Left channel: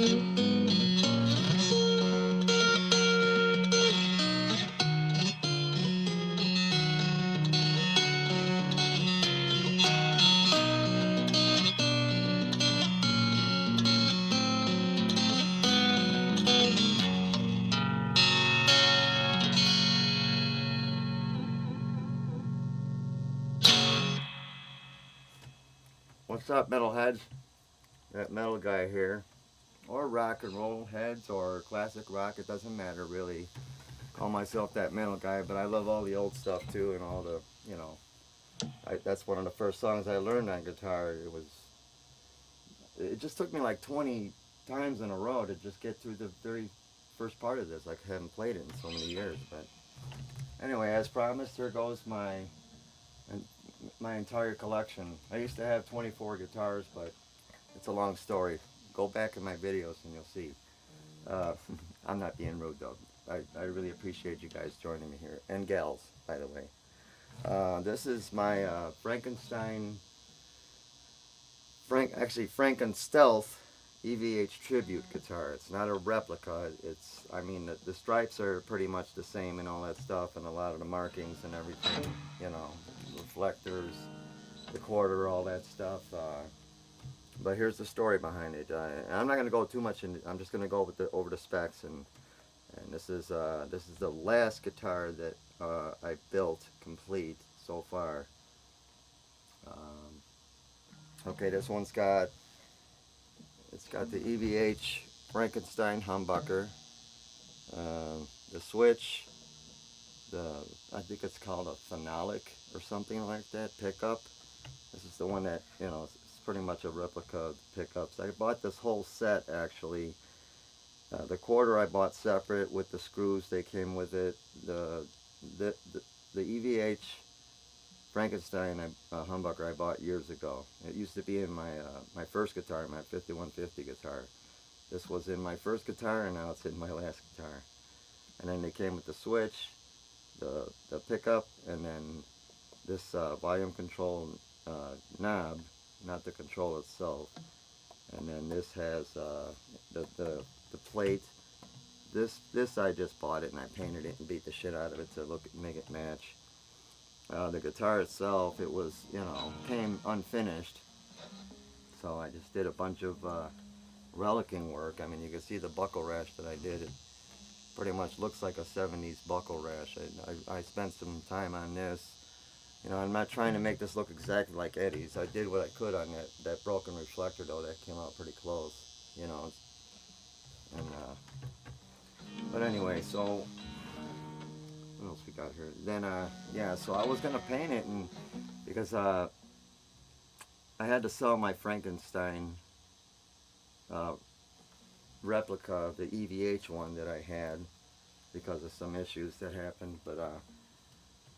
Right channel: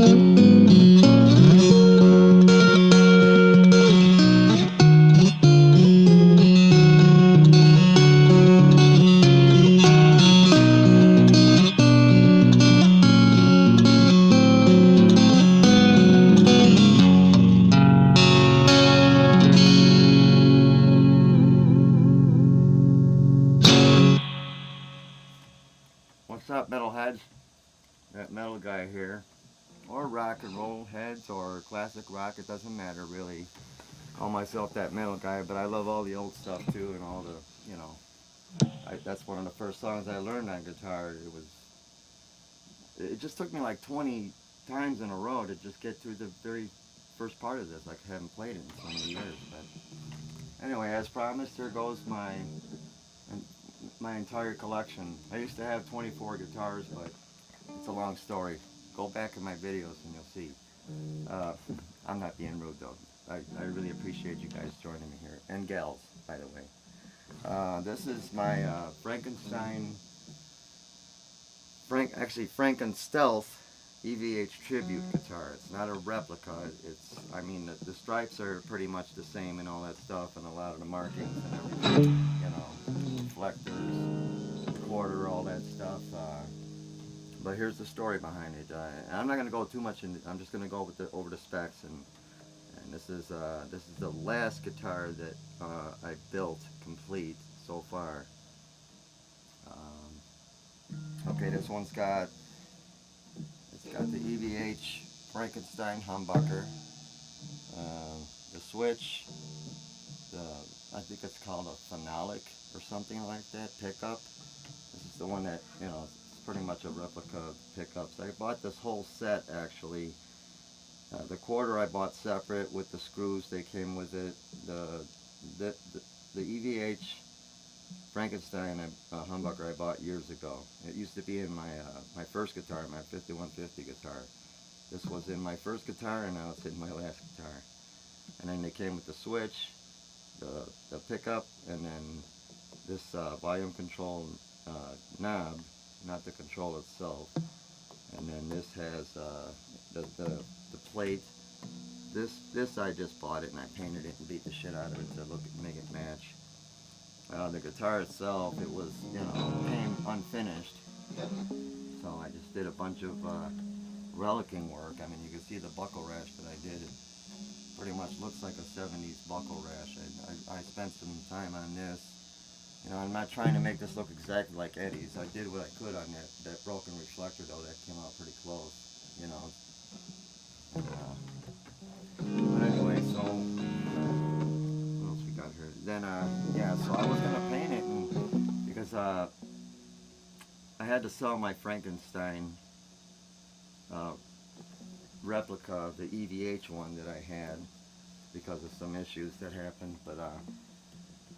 What's up, metalheads? That metal guy here, or rock and roll heads, or classic rock. It doesn't matter really. Call myself that metal guy, but I love all the old stuff too, and all the, you know. That's one of the first songs I learned on guitar. It just took me like 20 times in a row to just get through the very first part of this. I haven't played it in so many years, but anyway, as promised, here goes my entire collection. I used to have 24 guitars, but it's a long story. Go back in my videos and you'll see. I'm not being rude though. I really appreciate you guys joining me here, and gals, by the way. This is my Frankenstealth EVH tribute guitar. It's not a replica. I mean, the stripes are pretty much the same and all that stuff, and a lot of the markings and everything, you know, reflectors, the quarter, all that stuff. But here's the story behind it. I'm not going to go too much into. I'm just going to go over the specs, and this is the last guitar that I built complete so far. Okay, this one's got the EVH Frankenstein humbucker, the switch, I think it's called a phenolic or something like that pickup. This is the one that, you know, it's pretty much a replica of pickups. I bought this whole set actually. The quarter I bought separate with the screws, they came with it. The EVH Frankenstein humbucker I bought years ago. It used to be in my first guitar, my 5150 guitar. This was in my first guitar, and now it's in my last guitar. And then they came with the switch, the pickup, and then this volume control knob, not the control itself. And then this has the plate. This I just bought it and I painted it and beat the shit out of it to make it match. The guitar itself, it was, you know, came unfinished, so I just did a bunch of relicing work. I mean, you can see the buckle rash that I did. It pretty much looks like a 70s buckle rash. I spent some time on this. You know, I'm not trying to make this look exactly like Eddie's. I did what I could on that broken reflector, though. That came out pretty close, you know. And, but anyway, so what else we got here? Then, yeah, so I was gonna paint it, and because I had to sell my Frankenstein replica of the EVH one that I had because of some issues that happened. But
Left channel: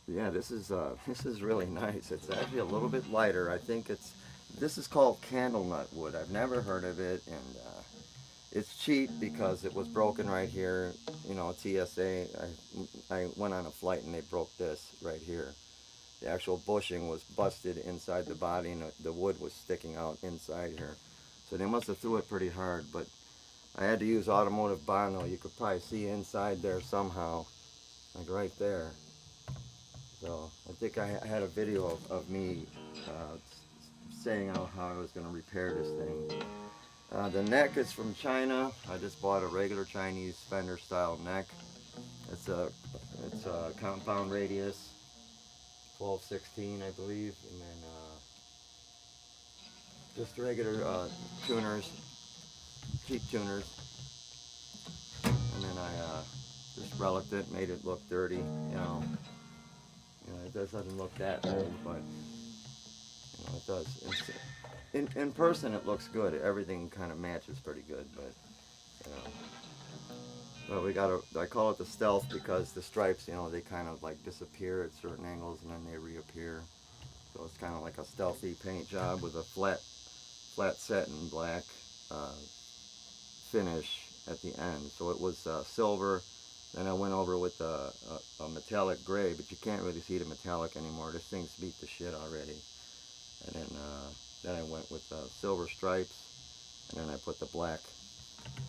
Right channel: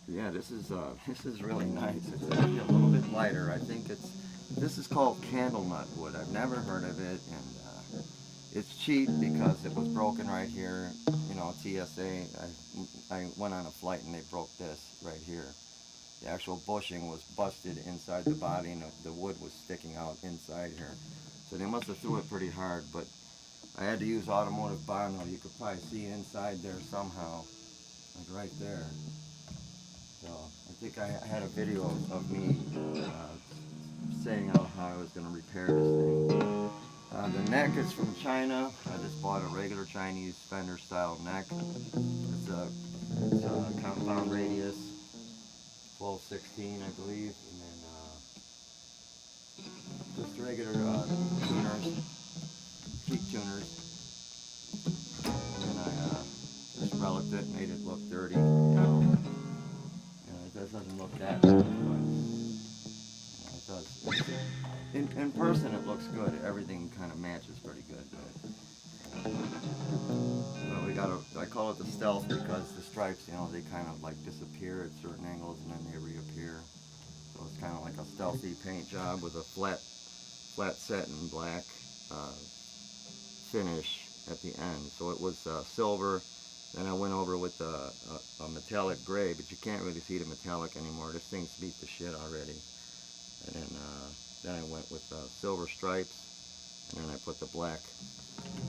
yeah, this is really nice. It's actually a little bit lighter. I think this is called candlenut wood. I've never heard of it, and it's cheap because it was broken right here. You know, TSA. I went on a flight and they broke this right here. The actual bushing was busted inside the body, and the wood was sticking out inside here. So they must have threw it pretty hard, but I had to use automotive vinyl. You could probably see inside there somehow, like right there. So I think I had a video of me saying how I was going to repair this thing. The neck is from China. I just bought a regular Chinese Fender style neck. It's a compound radius, 12/16 I believe, and then just regular tuners, cheap tuners. And then I just reliced it, made it look dirty, you know. It doesn't look that good, but you know, it does. In person it looks good. Everything kind of matches pretty good, but you know. But we got I call it the stealth because the stripes, you know, they kind of like disappear at certain angles and then they reappear. So it's kind of like a stealthy paint job with a flat satin black finish at the end. So it was silver. Then I went over with a metallic gray, but you can't really see the metallic anymore. This thing's beat the shit already. And then I went with silver stripes, and then I put the black,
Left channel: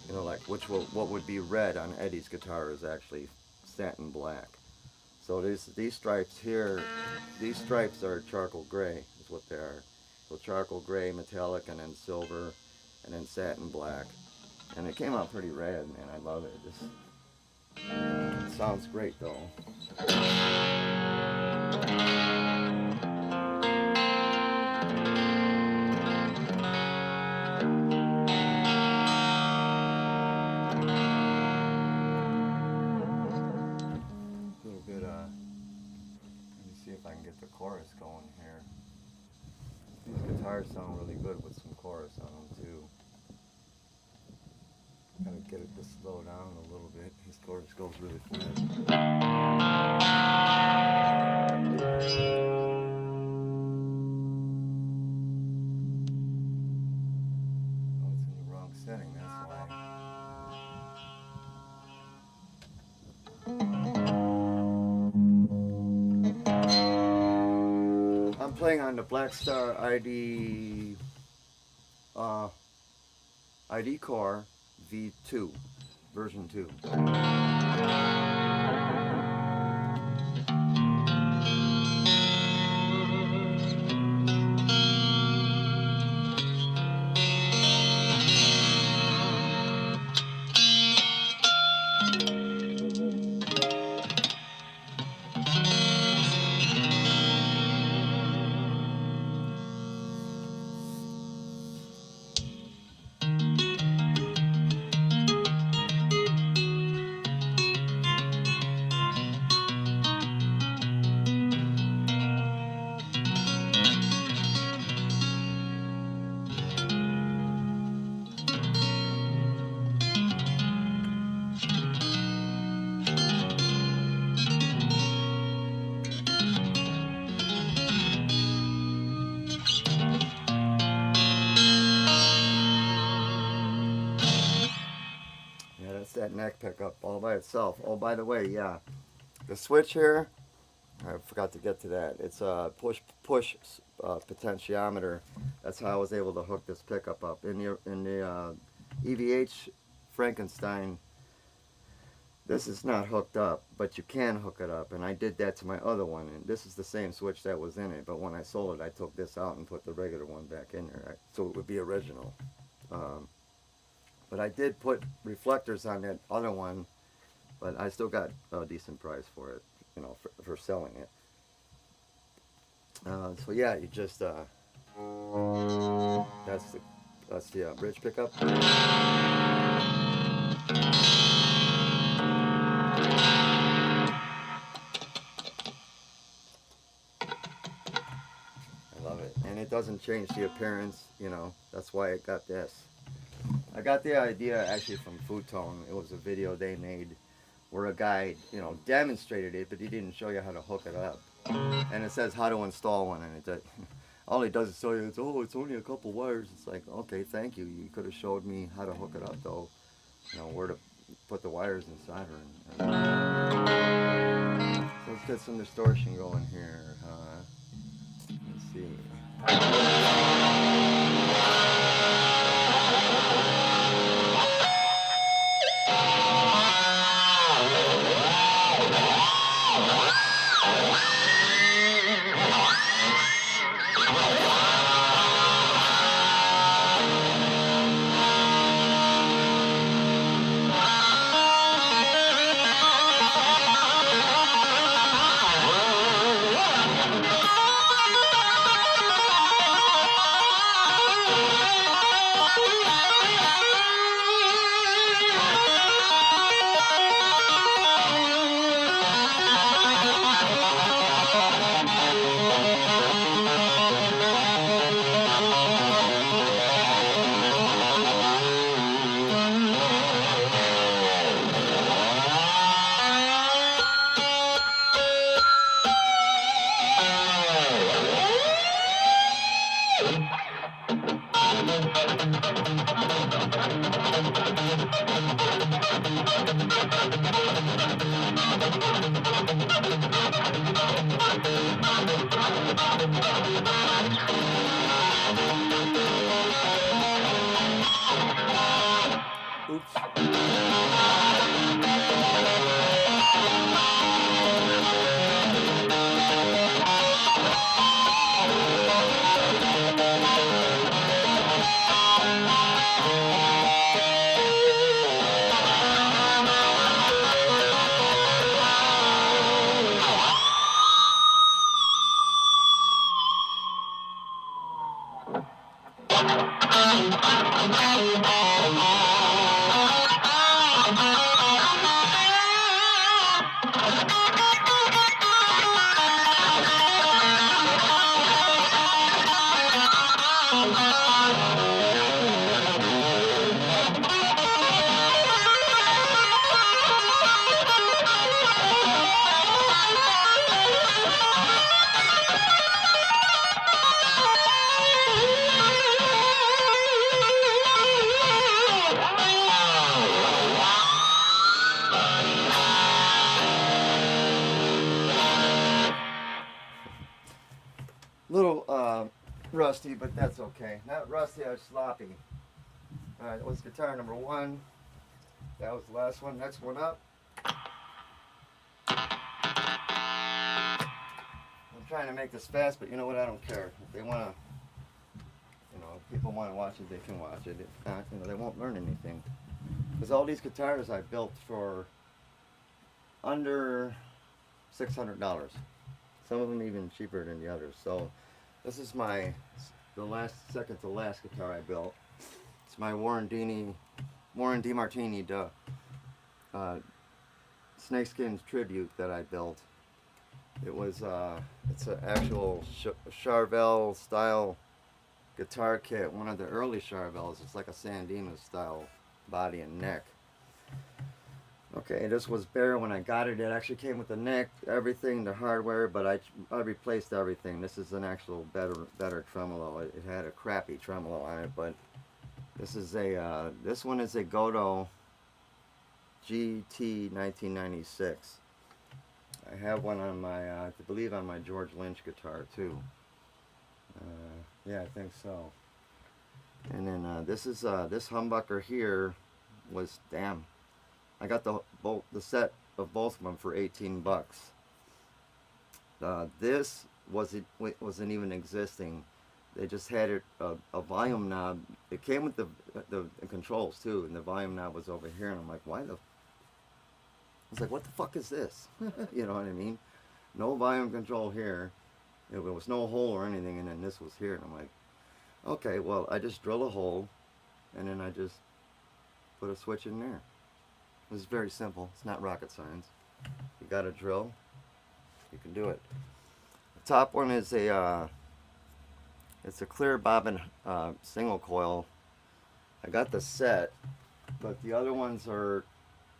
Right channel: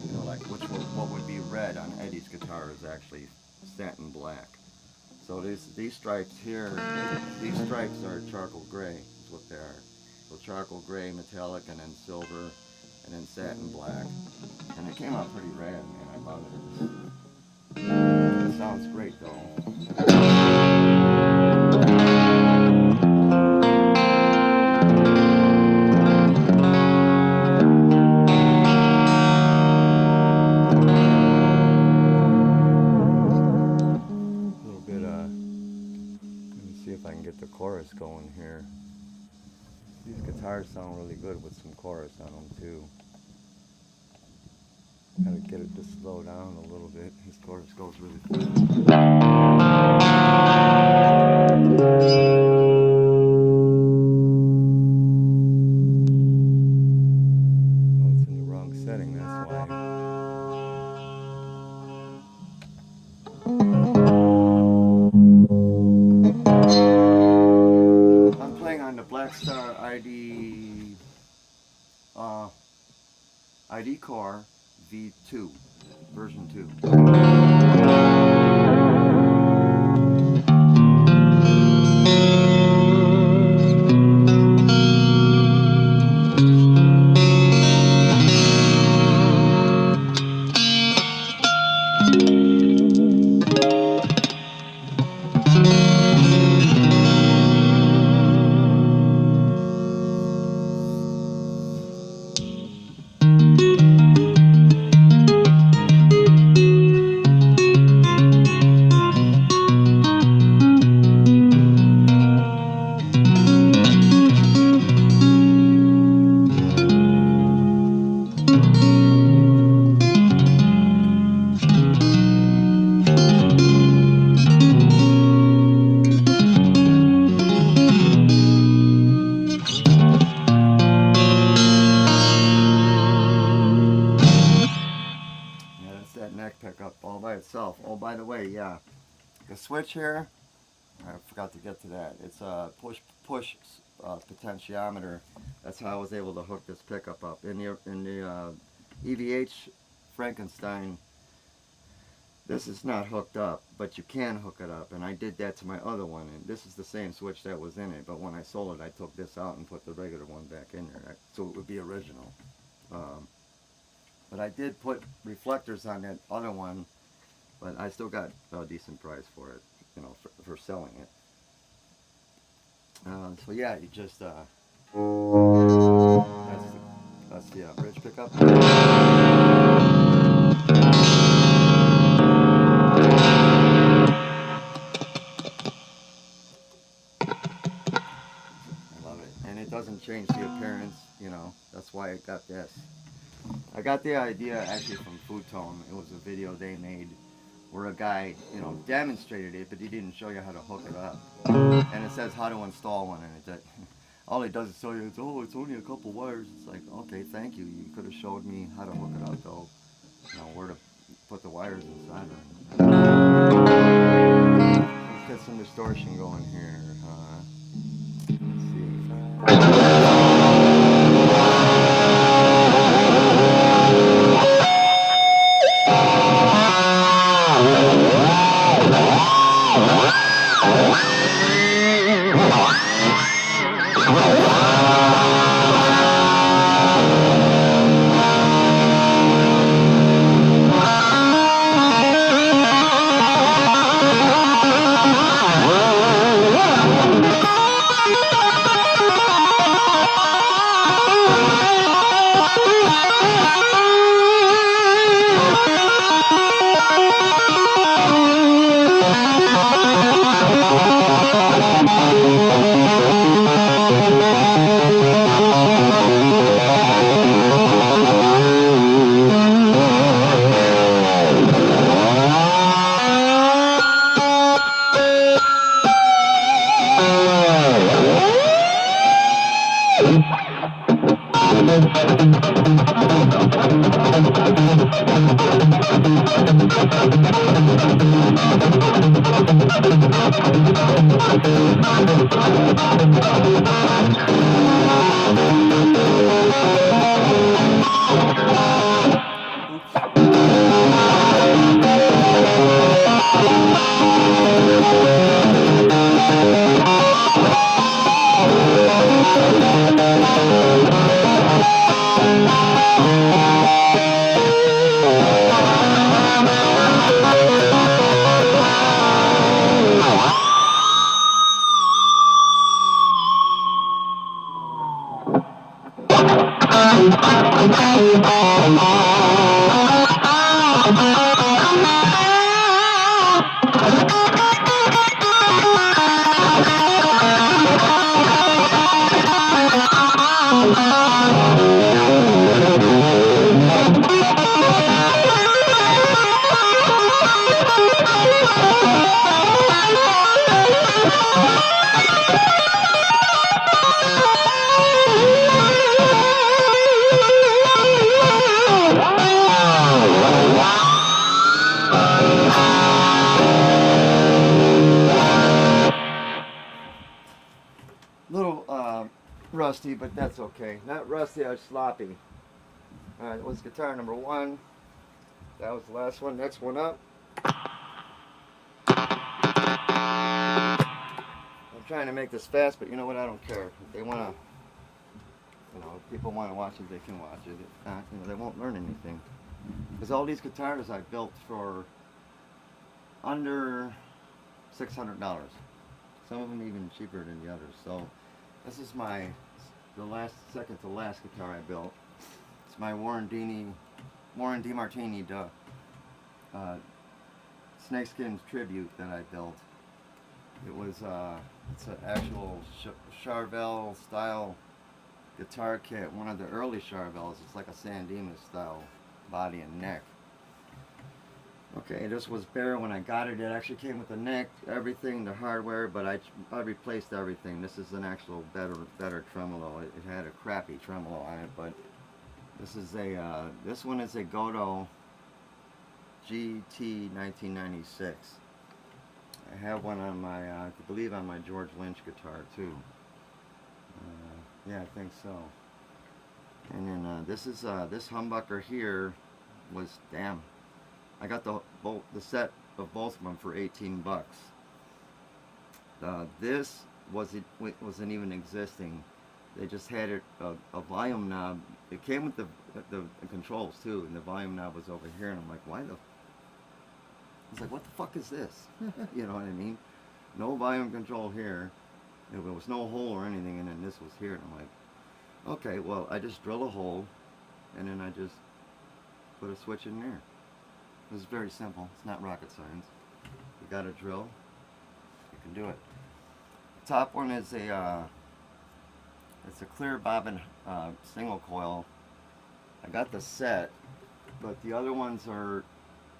you know, like what would be red on Eddie's guitar is actually satin black. So these stripes here, these stripes are charcoal gray, is what they are. So charcoal gray, metallic, and then silver, and then satin black. And it came out pretty rad, man. I love it. It sounds great though. If I can get the chorus going here. These guitars sound really good with some chorus on them too. Gotta get it to slow down a little bit. His chorus goes really fast. Oh, it's in the wrong setting, that's why. On the Black Star ID Core V2 version 2. That neck pickup all by itself. Oh, by the way, yeah, the switch here, I forgot to get to that. It's a push potentiometer. That's how I was able to hook this pickup up. In the EVH Frankenstein, this is not hooked up, but you can hook it up, and I did that to my other one, and this is the same switch that was in it, but when I sold it, I took this out and put the regular one back in there, so it would be original. But I did put reflectors on that other one, but I still got a decent price for it, you know, for selling it. So yeah, you just that's the bridge pickup. I love it, and it doesn't change the appearance, you know. That's why it got this. I got the idea actually from Food Tone. It was a video they made where a guy, you know, demonstrated it, but he didn't show you how to hook it up. And it says how to install one, and it all he does is show you, it's only a couple wires. It's like, okay, thank you. You could have showed me how to hook it up, though. You know, where to put the wires inside. So let's get some distortion going here. Let's see. Little rusty, but that's okay. Not rusty, I was sloppy. Alright, that was guitar number 1. That was the last one. Next one up. I'm trying to make this fast, but you know what? I don't care. If they want to, if people want to watch it, they can watch it. If not, they won't learn anything. Because all these guitars I built for under $600. Some of them even cheaper than the others. So this is second to last guitar I built. It's my Warren DeMartini Snakeskin tribute that I built. It was it's an actual Charvel style guitar kit, one of the early Charvels. It's like a San Dimas style body and neck. Okay, this was bare when I got it. It actually came with the neck, everything, the hardware, but I replaced everything. This is an actual better tremolo. It had a crappy tremolo on it, but this is this one is a Godot GT 1996. I have one on my, I believe on my George Lynch guitar too. Yeah, I think so. And then this is this humbucker here was, damn, I got the set of both of them for 18 bucks. This wasn't even existing. They just had it a volume knob. It came with the controls too, and the volume knob was over here. And I'm like, why the? I was like, what the fuck is this? You know what I mean? No volume control here. There was no hole or anything, and then this was here. And I'm like, okay, well, I just drill a hole, and then I just put a switch in there. It was very simple. It's not rocket science. You got a drill, you can do it. The top one is it's a clear bobbin single coil. I got the set, but the other ones are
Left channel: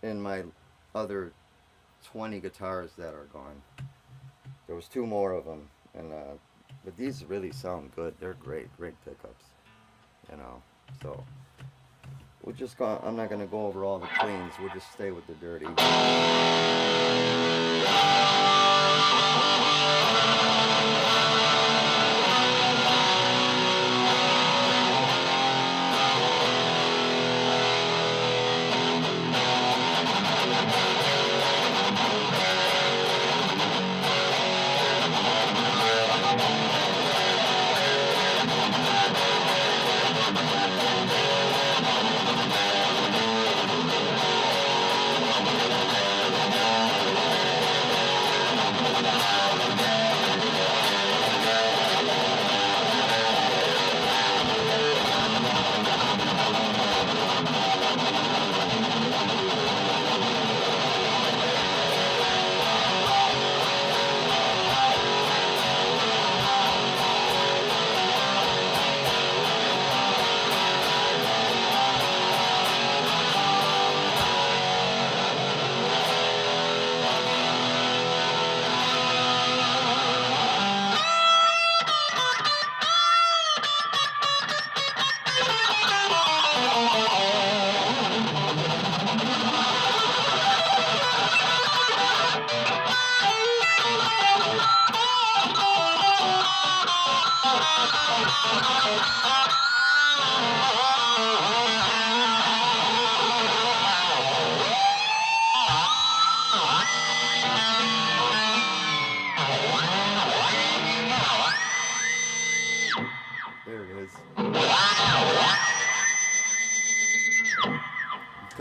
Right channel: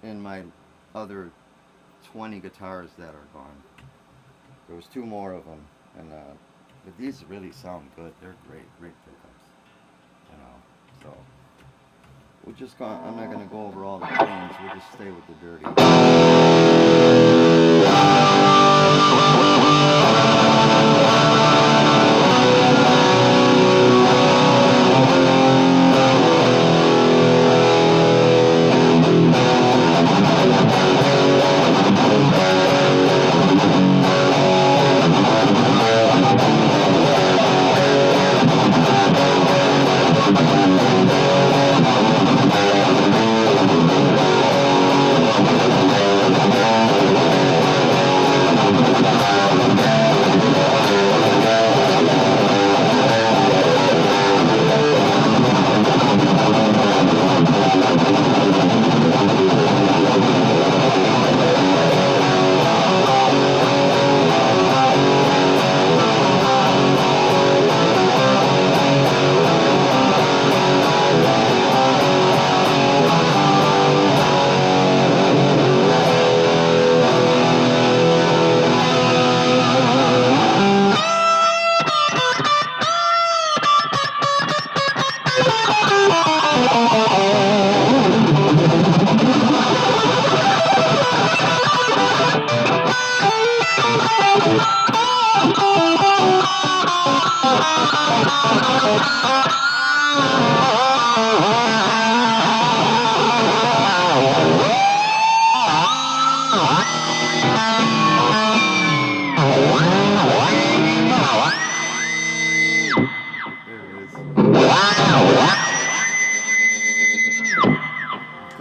in my other 20 guitars that are gone. There was 2 more of them, and but these really sound good. They're great pickups, So we're just going. I'm not going to go over all the cleans. We'll just stay with the dirty.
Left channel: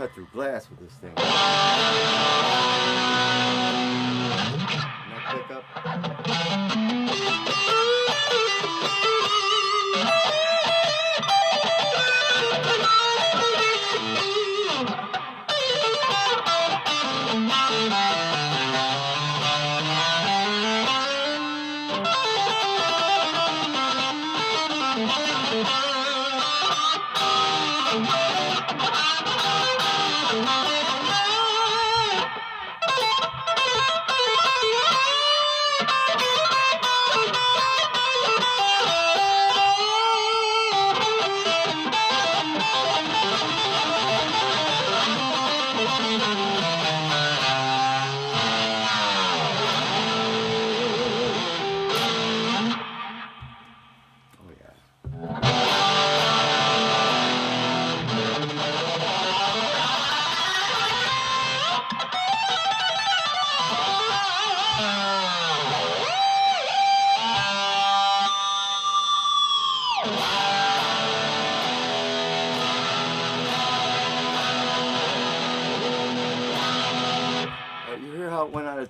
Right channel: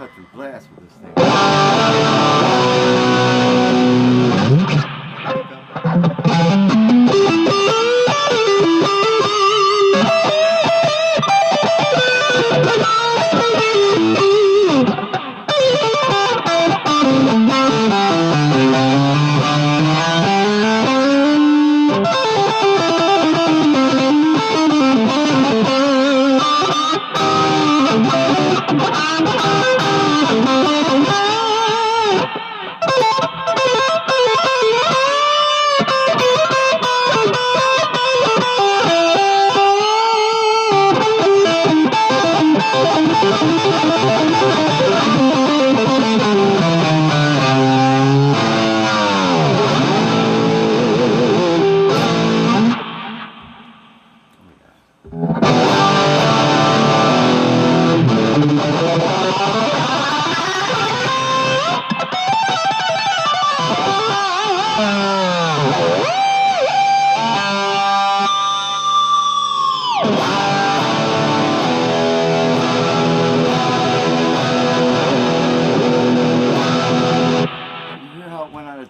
cut through glass with this thing.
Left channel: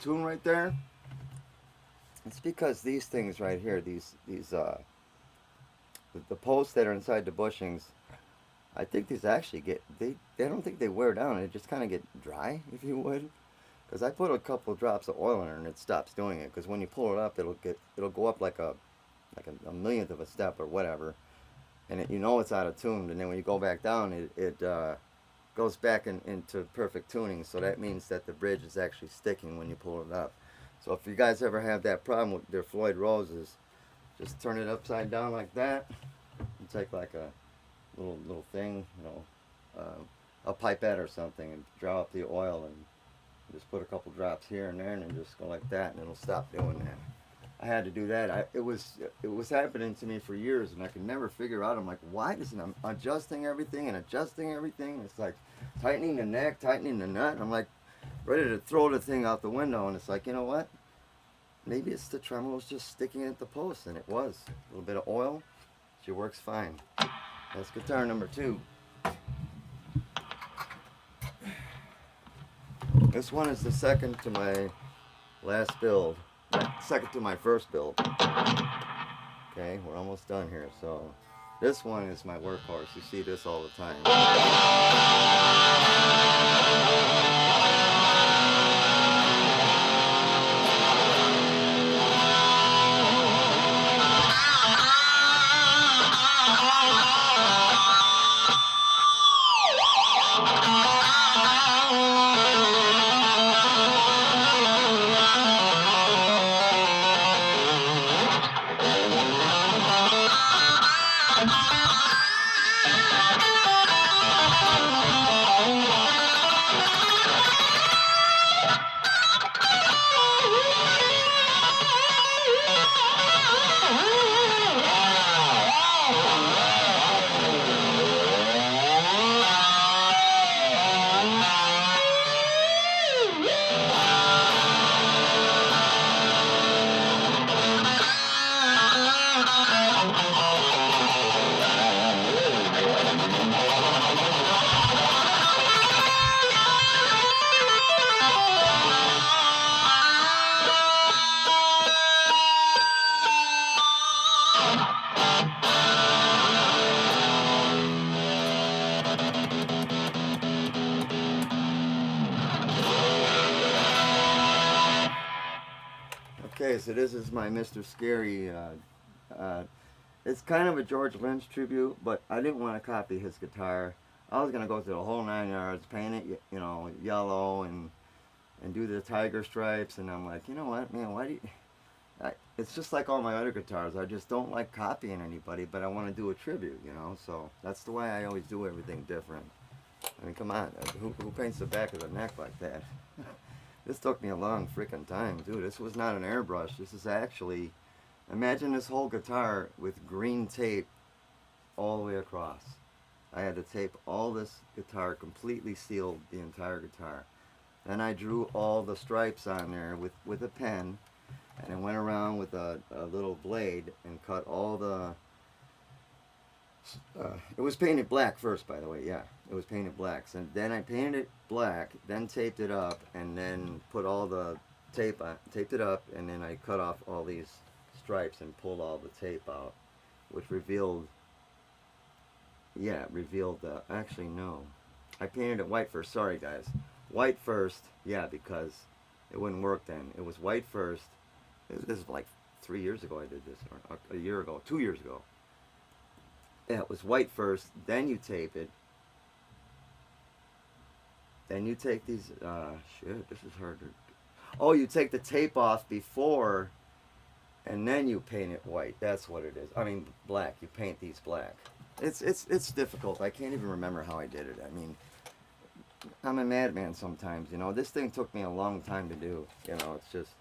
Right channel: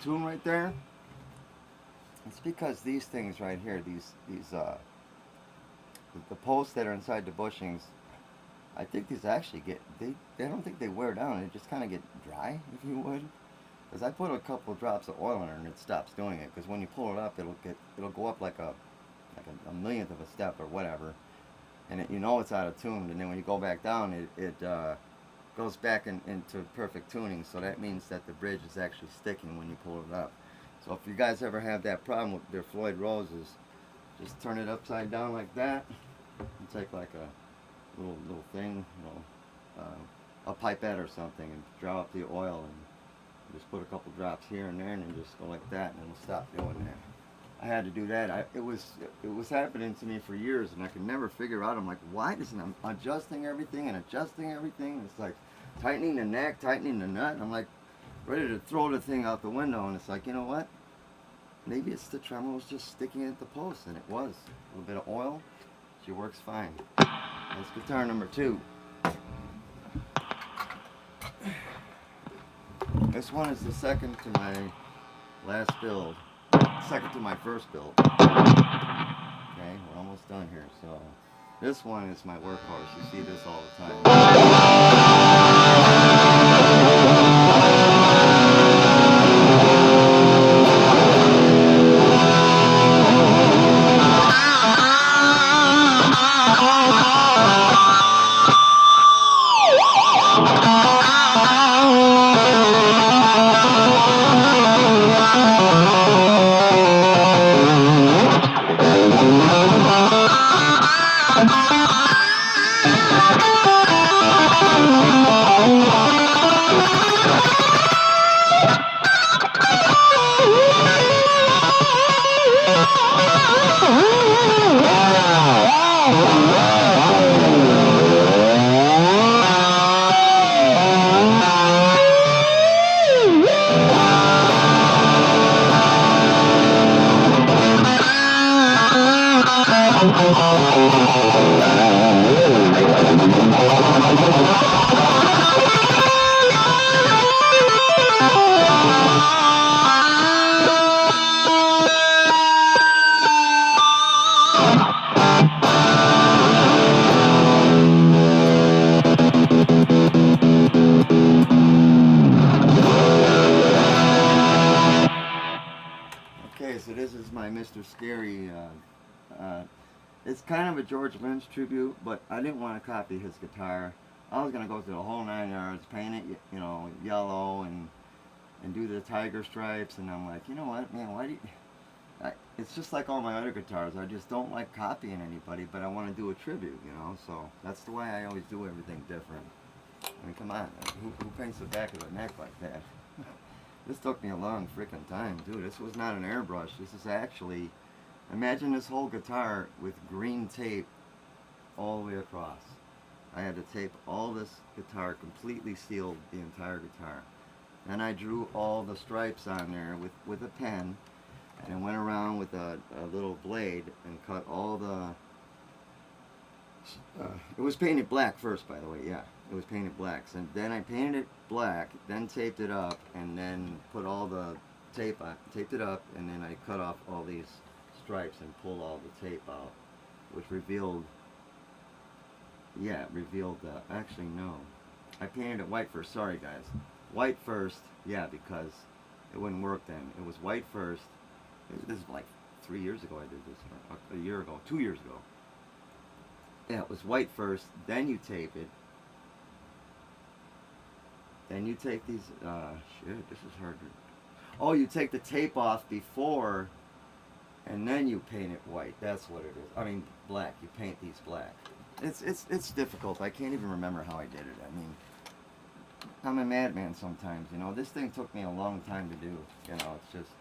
Tune right there. It's because these things right here, the posts that are inside the bushings, I think these actually get I don't think they wear down. They just kind of get dry, if you would. Because I put a couple drops of oil in it and it stops doing it. Because when you pull it up, it'll go up like a millionth of a step or whatever, and it's out of tune. And then when you go back down, it goes back into perfect tuning, so that means that the bridge is actually sticking when you pull it up. So if you guys ever have that problem with their Floyd Roses, just turn it upside down like that, and take like a little thing, a pipette or something, and draw up the oil, and just put a couple drops here and there, and then just go like that, and it'll stop doing that. I had to do that. It was happening to me for years, and I could never figure out. I'm like, why doesn't I'm adjusting everything and adjusting everything? It's like tightening the neck, tightening the nut. I'm like ready to throw the thing out the window, and it's like, you know what? Maybe it's the tremolo's just sticking at the post, and it was. A little bit of oil, she works fine. That's guitar number 2. This one is the second to my last build. Second to my first build. Okay, we're almost done here. So this one is my workhorse. You see this all the time. Okay, so this is my Mr. Scary. It's kind of a George Lynch tribute, but I didn't want to copy his guitar. I was going to go through the whole 9 yards, paint it, yellow, and do the tiger stripes, and I'm like, you know what, man, why do you... it's just like all my other guitars. I just don't like copying anybody, but I want to do a tribute, so that's the way I always do everything different. I mean, come on, who paints the back of the neck like that? This took me a long freaking time, dude. This was not an airbrush. This is actually, imagine this whole guitar with green tape all the way across. I had to tape all this guitar, completely sealed the entire guitar. Then I drew all the stripes on there with a pen, and I went around with a little blade and cut all the It was painted black first, by the way. Yeah, it was painted black. And then I painted it black, then taped it up, and then put all the tape on, taped it up, and then I cut off all these stripes and pulled all the tape out, which revealed, yeah, revealed the, actually no, I painted it white first. Sorry guys, white first. Yeah, because it wouldn't work then. It was white first. This is like 3 years ago I did this, or a year ago, 2 years ago. Yeah, it was white first, then you tape it. Then you take these, shit, this is hard to, oh, you take the tape off before, and then you paint it white. That's what it is. I mean, black. You paint these black. It's difficult. I can't even remember how I did it. I mean, I'm a madman sometimes, you know. This thing took me a long time to do, you know. It's just,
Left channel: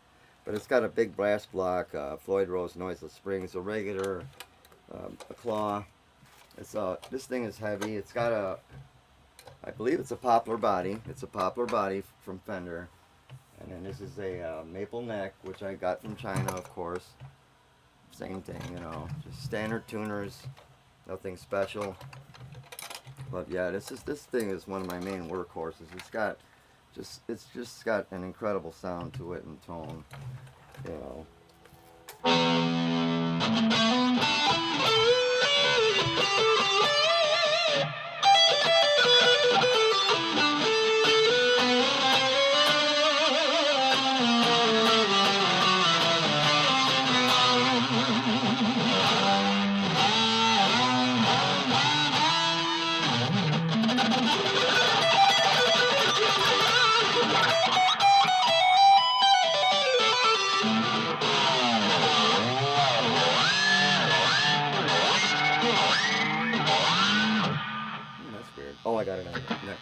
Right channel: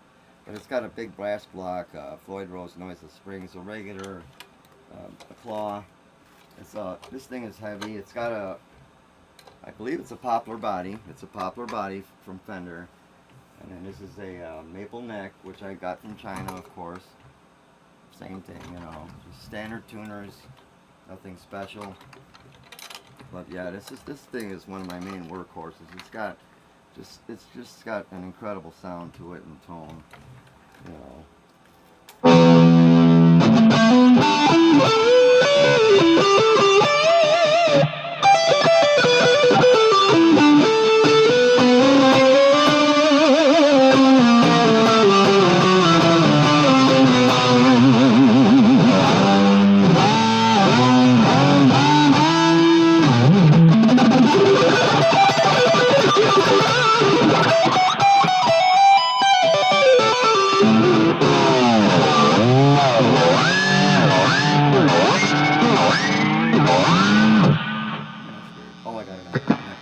but it's got a big brass block, Floyd Rose noiseless springs, a regular, a claw. It's this thing is heavy. It's got a, I believe it's a poplar body. It's a poplar body from Fender. And then this is a maple neck, which I got from China, of course. Same thing, you know, just standard tuners, nothing special. But yeah, this thing is one of my main workhorses. It's just got an incredible sound to it and tone, you know. Oh, I got it on neck.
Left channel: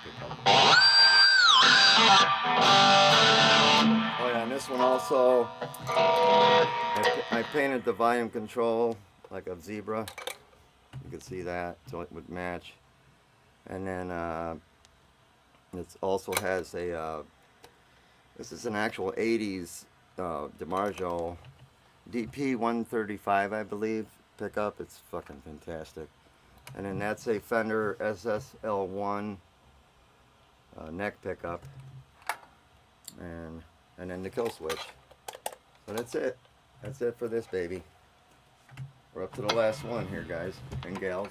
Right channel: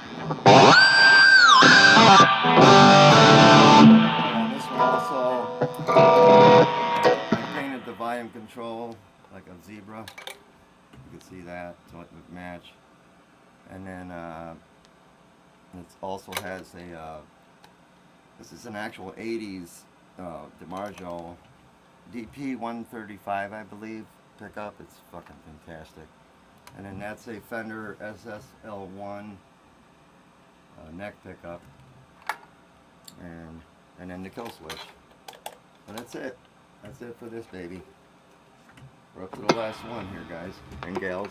Oh yeah, and this one also, I painted the volume control like a zebra. You can see that, so it would match. And then it also has a, this is an actual 80s DiMaggio DP 135, I believe, pickup. It's fucking fantastic. And then that's a Fender SSL1 neck pickup, and then the kill switch. So that's it. That's it for this baby. We're up to the last one here, guys and gals.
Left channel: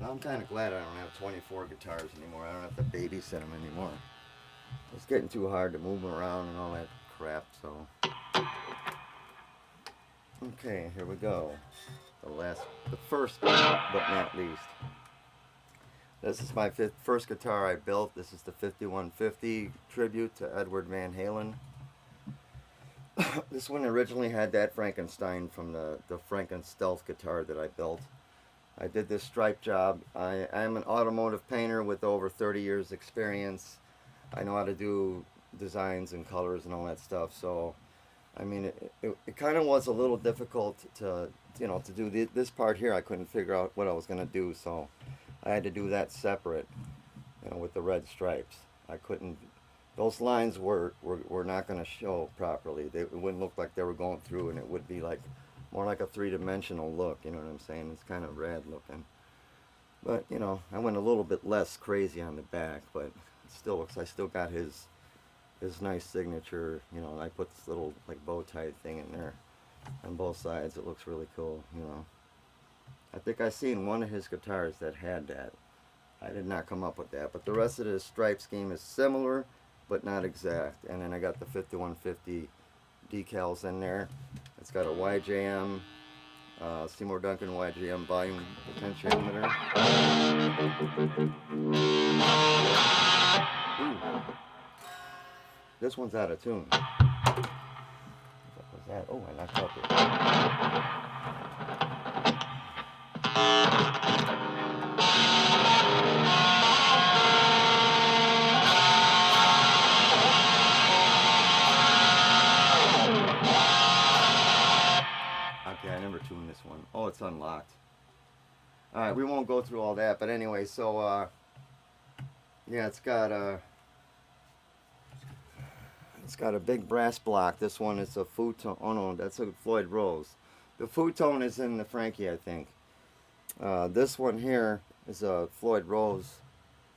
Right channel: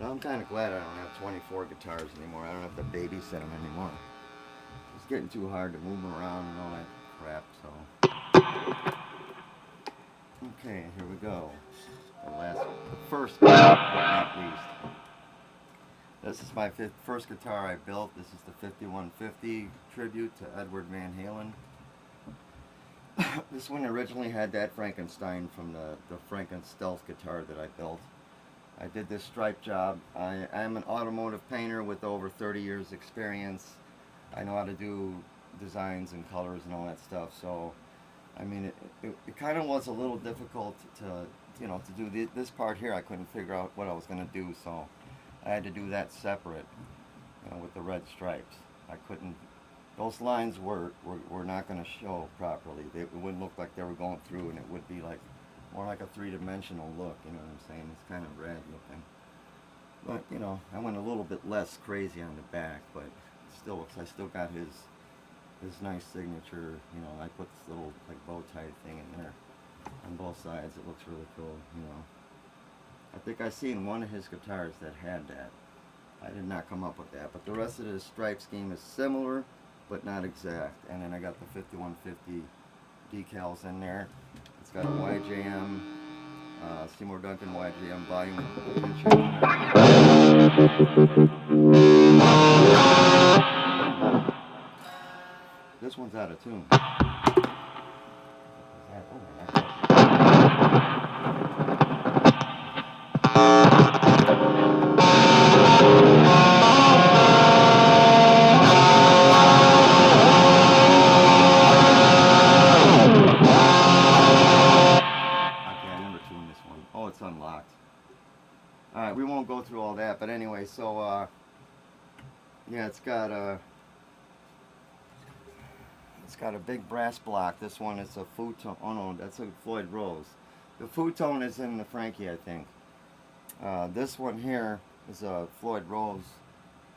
Now, I'm kind of glad I don't have 24 guitars anymore. I don't have to babysit them anymore. It's getting too hard to move them around and all that crap, so. Okay, here we go. The first, but not least. This is my first guitar I built. This is the 5150 tribute to Edward Van Halen. This one originally had that Frankenstein from the Frankenstealth guitar that I built. I did this stripe job. I'm an automotive painter with over 30 years experience. I know how to do designs and colors and all that stuff, so I mean it kind of was a little difficult to, you know, to do this part here. I couldn't figure out what I was going to do, so I had to do that separate, you know, with the red stripes. I couldn't, those lines were not going to show properly. It wouldn't look like they were going through, and it would be like more like a three-dimensional look, you know what I'm saying? It's kind of red looking. But, you know, I went a little bit less crazy on the back, but it still looks, I still got his nice signature, you know. I put this little like bow tie thing in there on both sides. It looks really cool, you know. I think I seen one of his guitars that had that. I did not come up with that, but the rest of the stripe scheme is similar but not exact. And then I got the 5150 decals in there. It's got a YJM, Seymour Duncan YJM volume potentiometer. This one's out of tune. What was that? Oh, I knocked it. Okay, I never tuned this one. Oh, it's unlocked. Alright, we won't go through all that, but anyway, so, yeah, it's got, It's got a big brass block. This one is a futon. Oh no, that's a Floyd Rose. The futon is in the Frankie, I think. This one here is a Floyd Rose.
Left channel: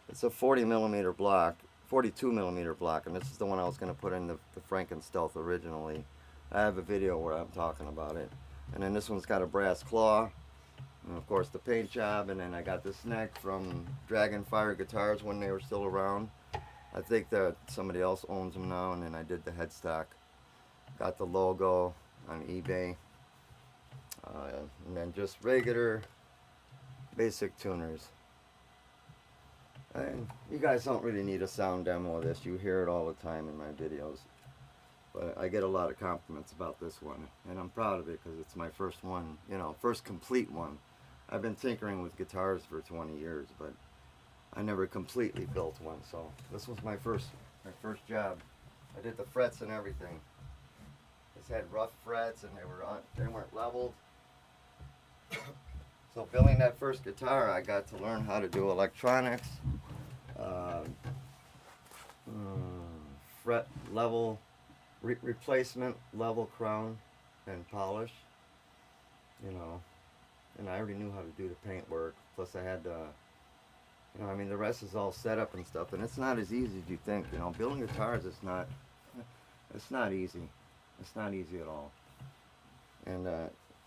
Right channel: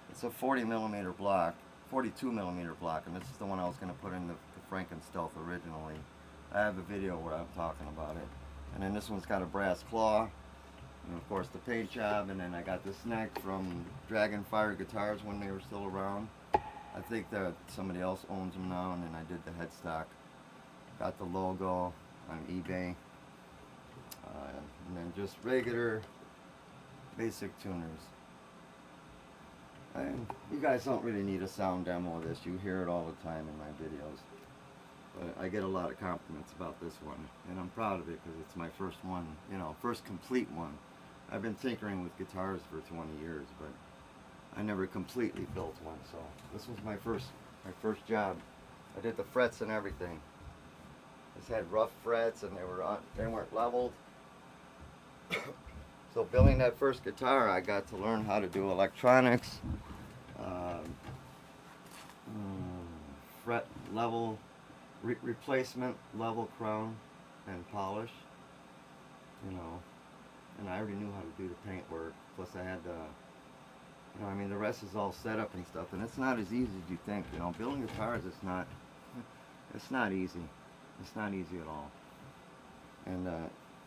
It's a 40mm block, 42mm block, and this is the one I was going to put in the Frankenstealth originally. I have a video where I'm talking about it. And then this one's got a brass claw, and of course the paint job, and then I got this neck from Dragonfire Guitars when they were still around. I think that somebody else owns them now, and then I did the headstock. Got the logo on eBay. And then just regular basic tuners. And you guys don't really need a sound demo of this. You hear it all the time in my videos. But I get a lot of compliments about this one, and I'm proud of it because it's my first one, you know, first complete one. I've been tinkering with guitars for 20 years, but I never completely built one, so this was my first job. I did the frets and everything. This had rough frets, and they weren't leveled. So building that first guitar, I got to learn how to do electronics, fret level, replacement, level crown, and polish, you know, and I already knew how to do the paint work. Plus I had you know, I mean, the rest is all set up and stuff, and it's not as easy as you think. You know, building guitars, it's not easy. It's not easy at all. And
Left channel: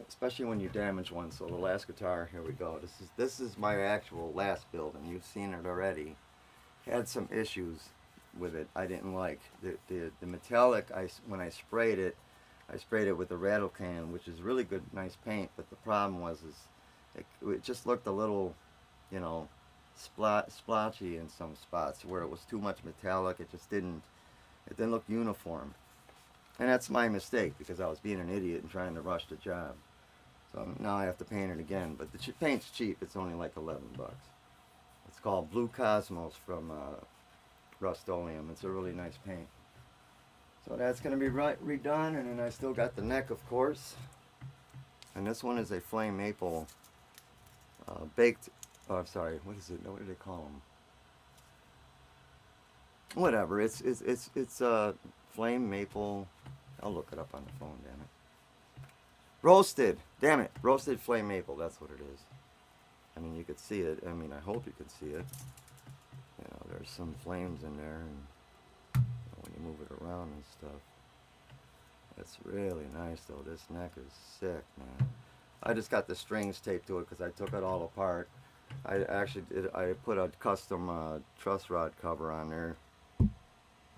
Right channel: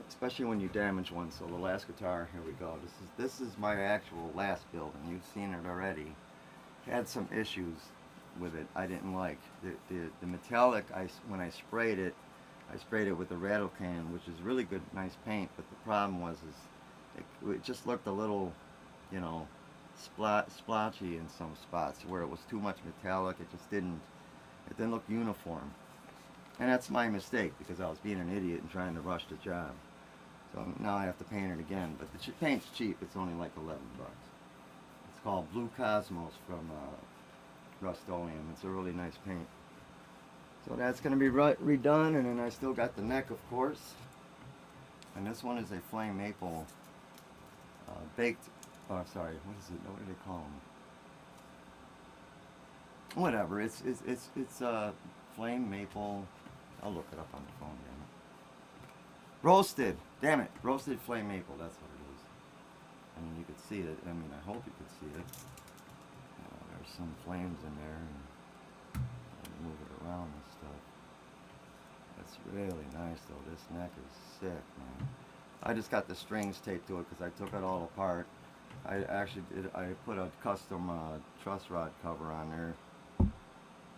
especially when you damage one. So the last guitar, here we go. This is my actual last build, and you've seen it already. Had some issues with it I didn't like. The metallic, when I sprayed it with a rattle can, which is really good, nice paint. But the problem was it just looked a little, you know, splotchy in some spots where it was too much metallic. It didn't look uniform. And that's my mistake, because I was being an idiot and trying to rush the job. So now I have to paint it again. But the paint's cheap. It's only like 11 bucks. It's called Blue Cosmos from Rust-Oleum. It's a really nice paint. So that's going to be redone. And then I still got the neck, of course. And this one is a flame maple baked. Oh, sorry. What is it? What do they call them? Whatever. It's flame maple. I'll look it up on the phone, damn it. Roasted. Damn it. Roasted flame maple. That's what it is. I mean, you could see it. I mean, I hope you could see it. You know, there's some flames in there, and when you move it around and stuff. That's really nice, though. This neck is sick, man. I just got the strings taped to it because I took it all apart. I actually did. I put a custom truss rod cover on there.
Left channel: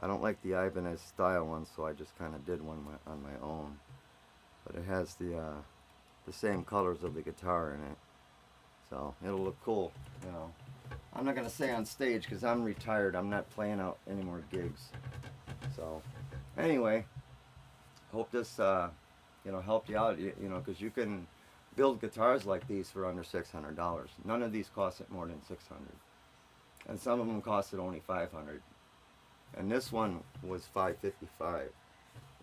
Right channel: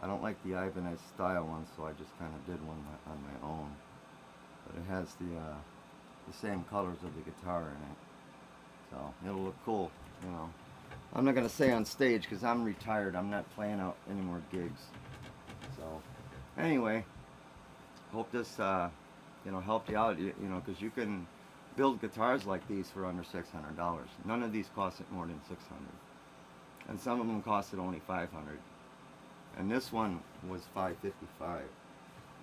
I don't like the Ibanez style one, so I just kind of did one on my own. But it has the same colors of the guitar in it, so it'll look cool, you know. I'm not gonna say on stage because I'm retired. I'm not playing out any more gigs. So anyway, hope this you know, helped you out. You know, because you can build guitars like these for under $600. None of these cost it more than $600, and some of them costed only $500. And this one was $555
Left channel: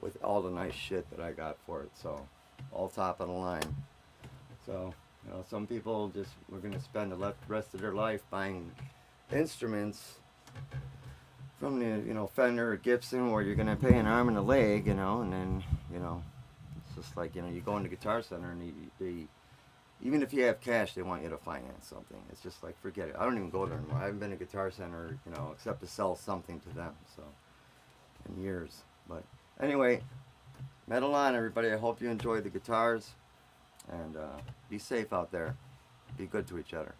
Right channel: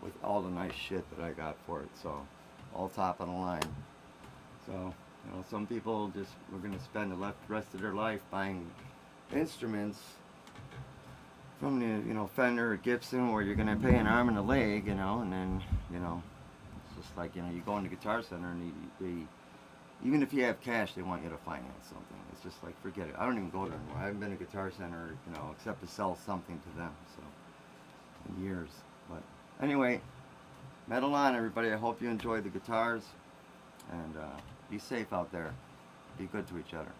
with all the nice shit that I got for it. So all top of the line. So, you know, some people just were going to spend the rest of their life buying instruments from the, you know, Fender or Gibson, where you're going to pay an arm and a leg, you know, and then, you know, it's just like, you know, you go into Guitar Center and they even if you have cash, they want you to finance something. It's just like, forget it. I don't even go there anymore. I haven't been to Guitar Center, you know, except to sell something to them, so, in years. But anyway, metal on, everybody. I hope you enjoyed the guitars, and be safe out there. Be good to each other.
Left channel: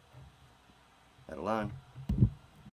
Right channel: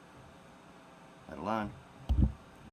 Metal on.